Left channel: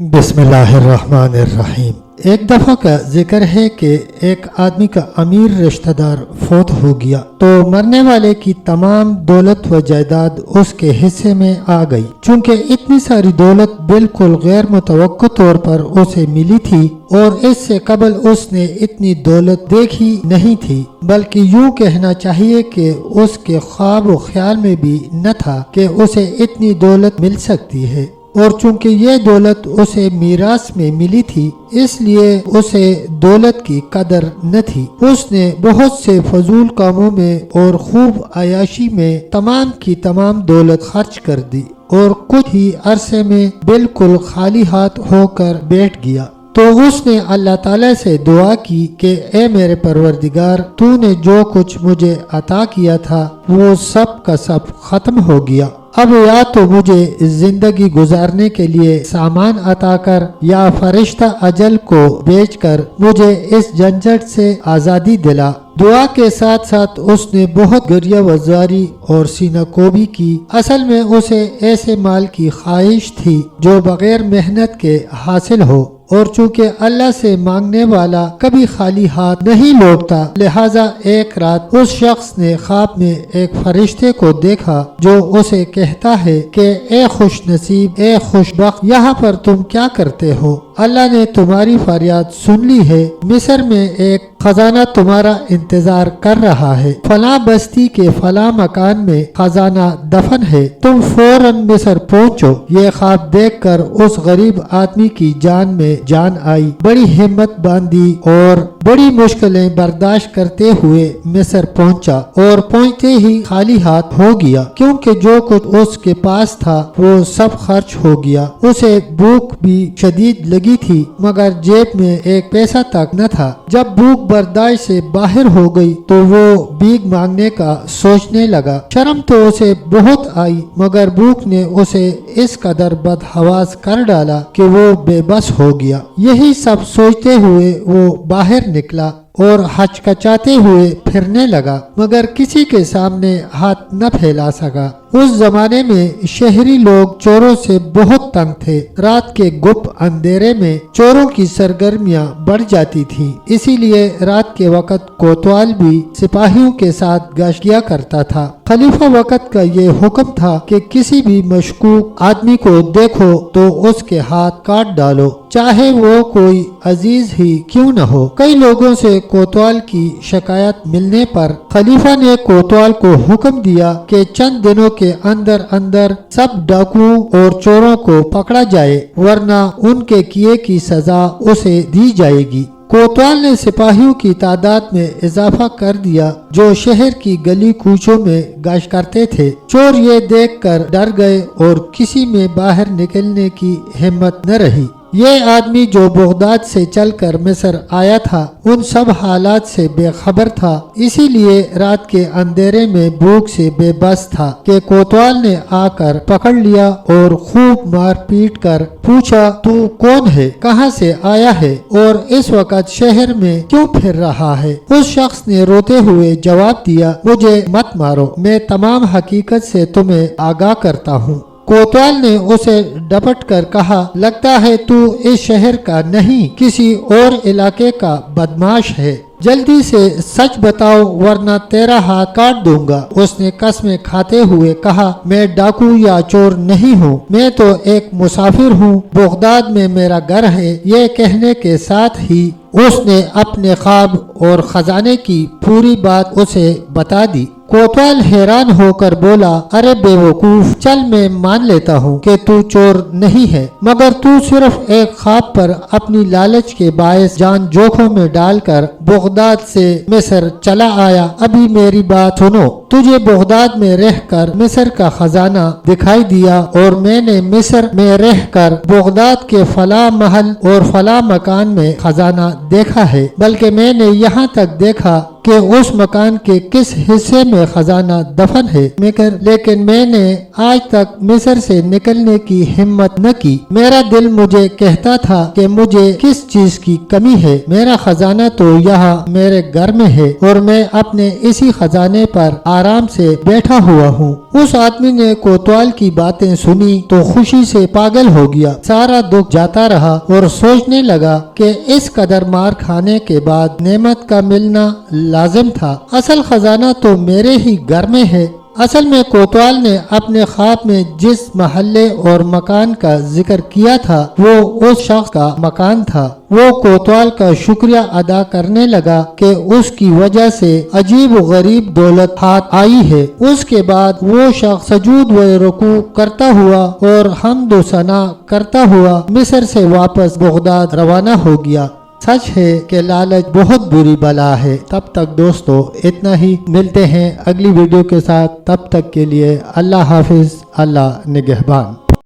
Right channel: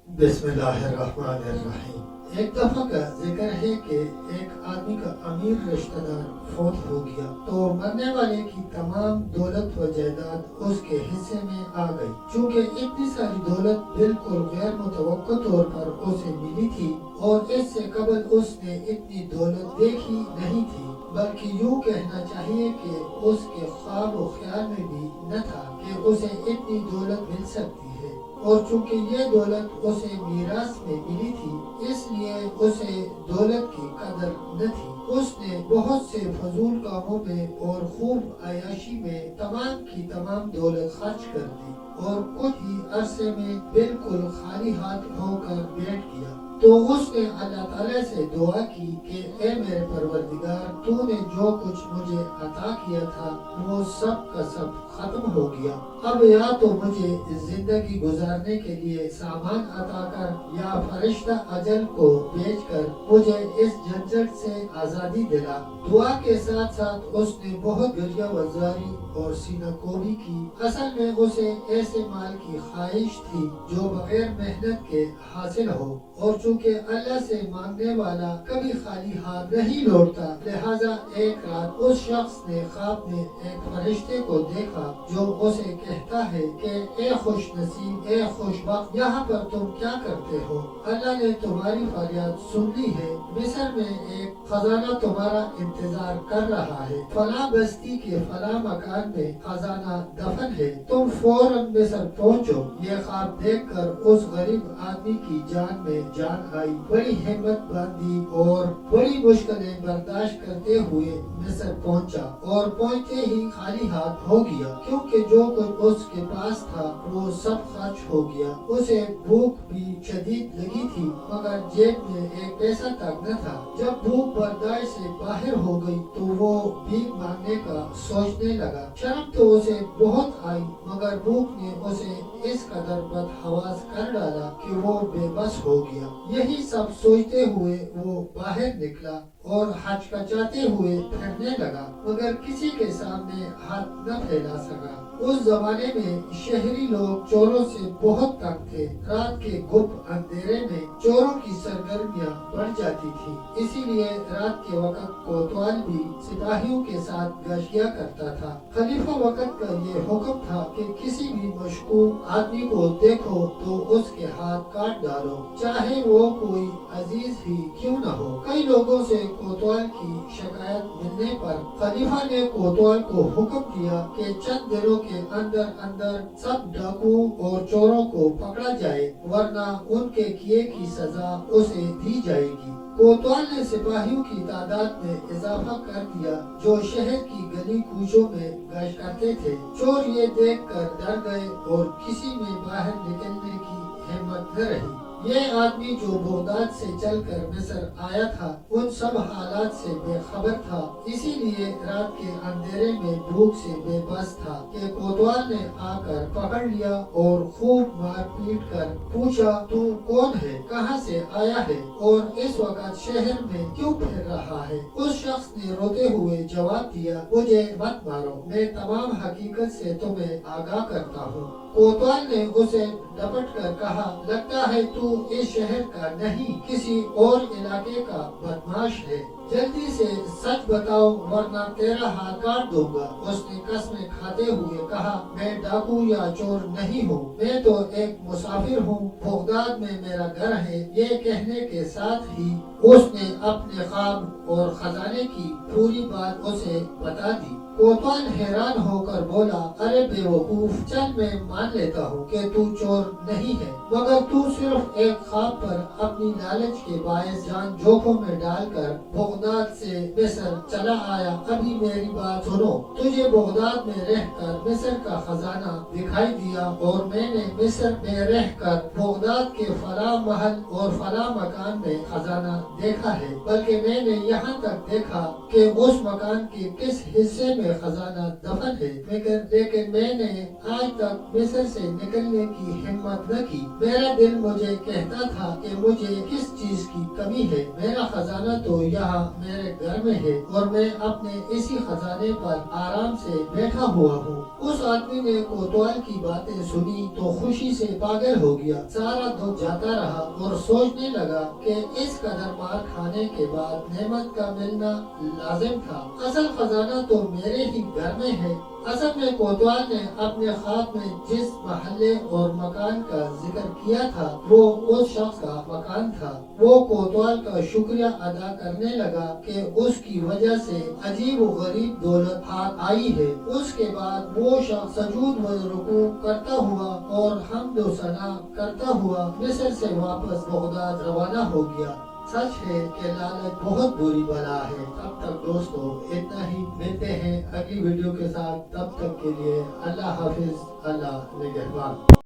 بسم اللہ الرحمن الرحیم۔ ایک دفعہ کا ذکر ہے کہ ایک آدمی کا امیر رشتہ دار فوت ہو گیا تو مرنے والے کی تمام دولت و جائیداد اس کے حصے میں آ گئی۔ چونکہ اتنی ساری دولت بالکل غیر متوقع طور پر اسے ملی تھی اور اس سے قبل اس نے اتنی دولت دیکھی نہیں تھی، بلکہ یوں کہنا چاہیے کہ اس کے خواب و خیال میں بھی نہ تھا کہ اسے اتنی دولت مل سکتی ہے، اور چونکہ یہ دولت اسے میراث میں ملی تھی اس لیے اسے دولت کی قدر نہ تھی۔ اس نے بہت سے فضول کاموں میں اور خوب عیاشی میں تمام کی تمام دولت خرچ کر دی اور کچھ ہی عرصے میں بالکل خالی ہاتھ ہو کر بیٹھ گیا۔ تو اس نے اللہ تعالیٰ سے دعا کی کہ اے میرے پروردگار، تو نے جو کچھ مجھے عطا کیا تھا وہ سب کا سب ختم ہو گیا، اب یا تو مجھے زندگی گزارنے کے لیے سامان عطا کر یا فرشتہ اجل کو بیچ کر مجھے اس جھنجھٹ سے آزادی دلا۔ دعا کے ساتھ ساتھ اس نے بہت گریہ وزاری اور سینہ کوبی کی۔ اصل میں اسے ایسے مال کی خواہش تھی جو بغیر محنت کے حاصل ہو، اور چونکہ اللہ سے مانگنے والا کبھی خالی ہاتھ نہیں لوٹتا، لہٰذا ایک رات اس شخص نے خواب میں ایک فرشتے کو دیکھا جو اسے کہتا ہے کہ اے خوش نصیب، اے خوش بخت، یہاں پر تم کیا کرتے ہو؟ اللہ نے تمہاری فریاد سن لی ہے، مصر میں ایک خزانہ تمہارا انتظار کر رہا ہے، فلاں بستی کے فلاں مکان میں خزانہ دفن ہے، تم فوراً مصر پہنچو۔ یہ خواب دیکھ کر اس غریب آدمی کی جان میں جان آئی، بڑی ہمت باندھی اور بڑی مشکلیں برداشت کرتے ہوئے مصر پہنچا، اور پہنچتے ہی خالی ہاتھ ہو گیا، کیونکہ جو کچھ اس کے پاس تھا وہ سب خرچ ہو گیا۔ اسے بھوک بھی شدید لگی تھی مگر جیب میں ایک پیسہ تک نہ تھا۔ جب بھوک برداشت سے باہر ہو گئی تو وہ بھیک مانگنے کا سوچنے لگا۔ شرم تو اسے بہت آئی مگر بھوک نے اسے اس قدر بدحواس کر ڈالا کہ وہ بے بس ہو گیا۔ یہی سب سوچتے ہوئے وہ باہر نکلا اور ہچکچاتے ہوئے پھرنے لگا مگر کسی کے سامنے ہاتھ نہ پھیلا سکا۔ اس زمانے میں شہری لوگ چوروں سے بہت تنگ تھے۔ رات کے گپ اندھیرے میں چوروں کی سرگرمیاں بڑھ جاتی تھیں، اسی لیے رات کے وقت کوتوال بھی سپاہیوں کے ساتھ گشت کیا کرتا تھا۔ خلیفہ وقت کا یہ حکم تھا کہ کسی بھی مشکوک آدمی کو دیکھو تو اس کے ہاتھ کاٹ ڈالو، چاہے وہ کوئی عزیز ہی کیوں نہ ہو۔ کئی لوگوں سے کوتوال کی شکایت ملنے پر خلیفہ نے کوتوال کو حکم دیا کہ چند دنوں کے اندر اندر سب ڈاکوؤں اور چوروں کو پکڑا جائے ورنہ ان کے کیے کی سزا اسے دی جائے گی۔ کوتوال نے سپاہیوں کی تعداد میں اضافہ کر دیا جو شہر کی گلی کوچوں میں گشت کرتے تھے۔ چور یہ دیکھ کر ڈر گئے اور کسی میں باہر نکلنے کی ہمت نہ رہی۔ یہ آدمی جو بغداد سے چل کر مصر آیا تھا ان سب حالات سے بے خبر تھا، اسی لیے رات کے اندھیرے میں بھوک سے بے بس تھا کہ کوتوال نے آ کر پکڑ لیا اور خوب مار پیٹ کر پوچھا، تو کون ہے، کہاں سے آیا ہے اور اس وقت شہر میں کیوں پھر رہا ہے؟ اس شخص نے روتے ہوئے جواب دیا، مجھے مت مارو، میں تمام حقیقت سے تمہیں آگاہ کرتا ہوں۔ کوتوال نے اسے ڈپٹ کر کہا، لگتا ہے تو اس شہر کا نہیں کسی اور علاقے کا بدماش ہے، جلدی سے سچ بتاؤ ورنہ تیرا ہاتھ کاٹ دوں گا۔ اس نے قسمیں کھاتے ہوئے کہا، میں ڈاکو یا چور نہیں ہوں، میں تو ایک مسافر ہوں، بغداد میں میرا گھر ہے۔ یہ کہنے کے ساتھ ہی اس نے اپنے خواب اور خزانے کی پوری بات اسے بتا دی۔ کوتوال حیران ہو کر بولا، ارے بے وقوف، چل میں مان لیتا ہوں کہ تو چور نہیں ہے، مگر تو صرف ایک خواب پر اپنی لالچ کے باعث جان جوکھوں میں ڈال کر بغداد سے مصر چلا آیا۔ ابھی میری بات سنو، تجھے بغداد میں رہ کر مصر کا خزانہ دکھائی دیا اور میں نے مصر میں رہ کر بغداد کے فلاں محل اور فلاں مکان میں خزانہ دیکھا ہے، بلکہ میں نے یہاں تک دیکھا کہ اس مکان کے کس حصے میں خزانہ دفن ہے، لیکن میں نے آج تک مصر سے نکلنے کی ہمت نہ کی۔ میرا دل مجھے کہتا تھا کہ مجھے کس چیز کی کمی ہے، میرا خزانہ تو یہاں میرے گھر میں ہے اور میں اپنے اسی خزانے پر آرام سے بیٹھا ہوا ہوں۔ اس آدمی نے کوتوال کی باتیں سنی تو خوشی سے پاگل ہو گیا، سارا دکھ جاتا رہا اور سوچنے لگا کہ اس قدر مار کھانے کے بعد نعمت کا ملنا لازم تھا۔ اصل خزانہ تو میرے ہی گھر میں ہے۔ اصل میں کوتوال نے اپنے خواب میں جس محلے اور مکان کا ذکر کیا تھا وہ اس شخص کا مکان تھا۔ وہ کوتوال کا شکریہ ادا کرنے لگا کہ اس کی وجہ سے عجیب و غریب دولت ہاتھ آئی ہے۔ اس کے بعد وہ شخص سجود و رکوع کرتا ہوا اور حمد و ثنا کرتا ہوا مصر سے واپس بغداد روانہ ہو گیا۔ سچ ہے کہ لالچ بہت بری بلا ہے۔ تب تک دوستو اتنا ہی، ملتے ہیں اگلی ویڈیو کے ساتھ، تب تک کے لیے اللہ حافظ، اللہ نگہبان۔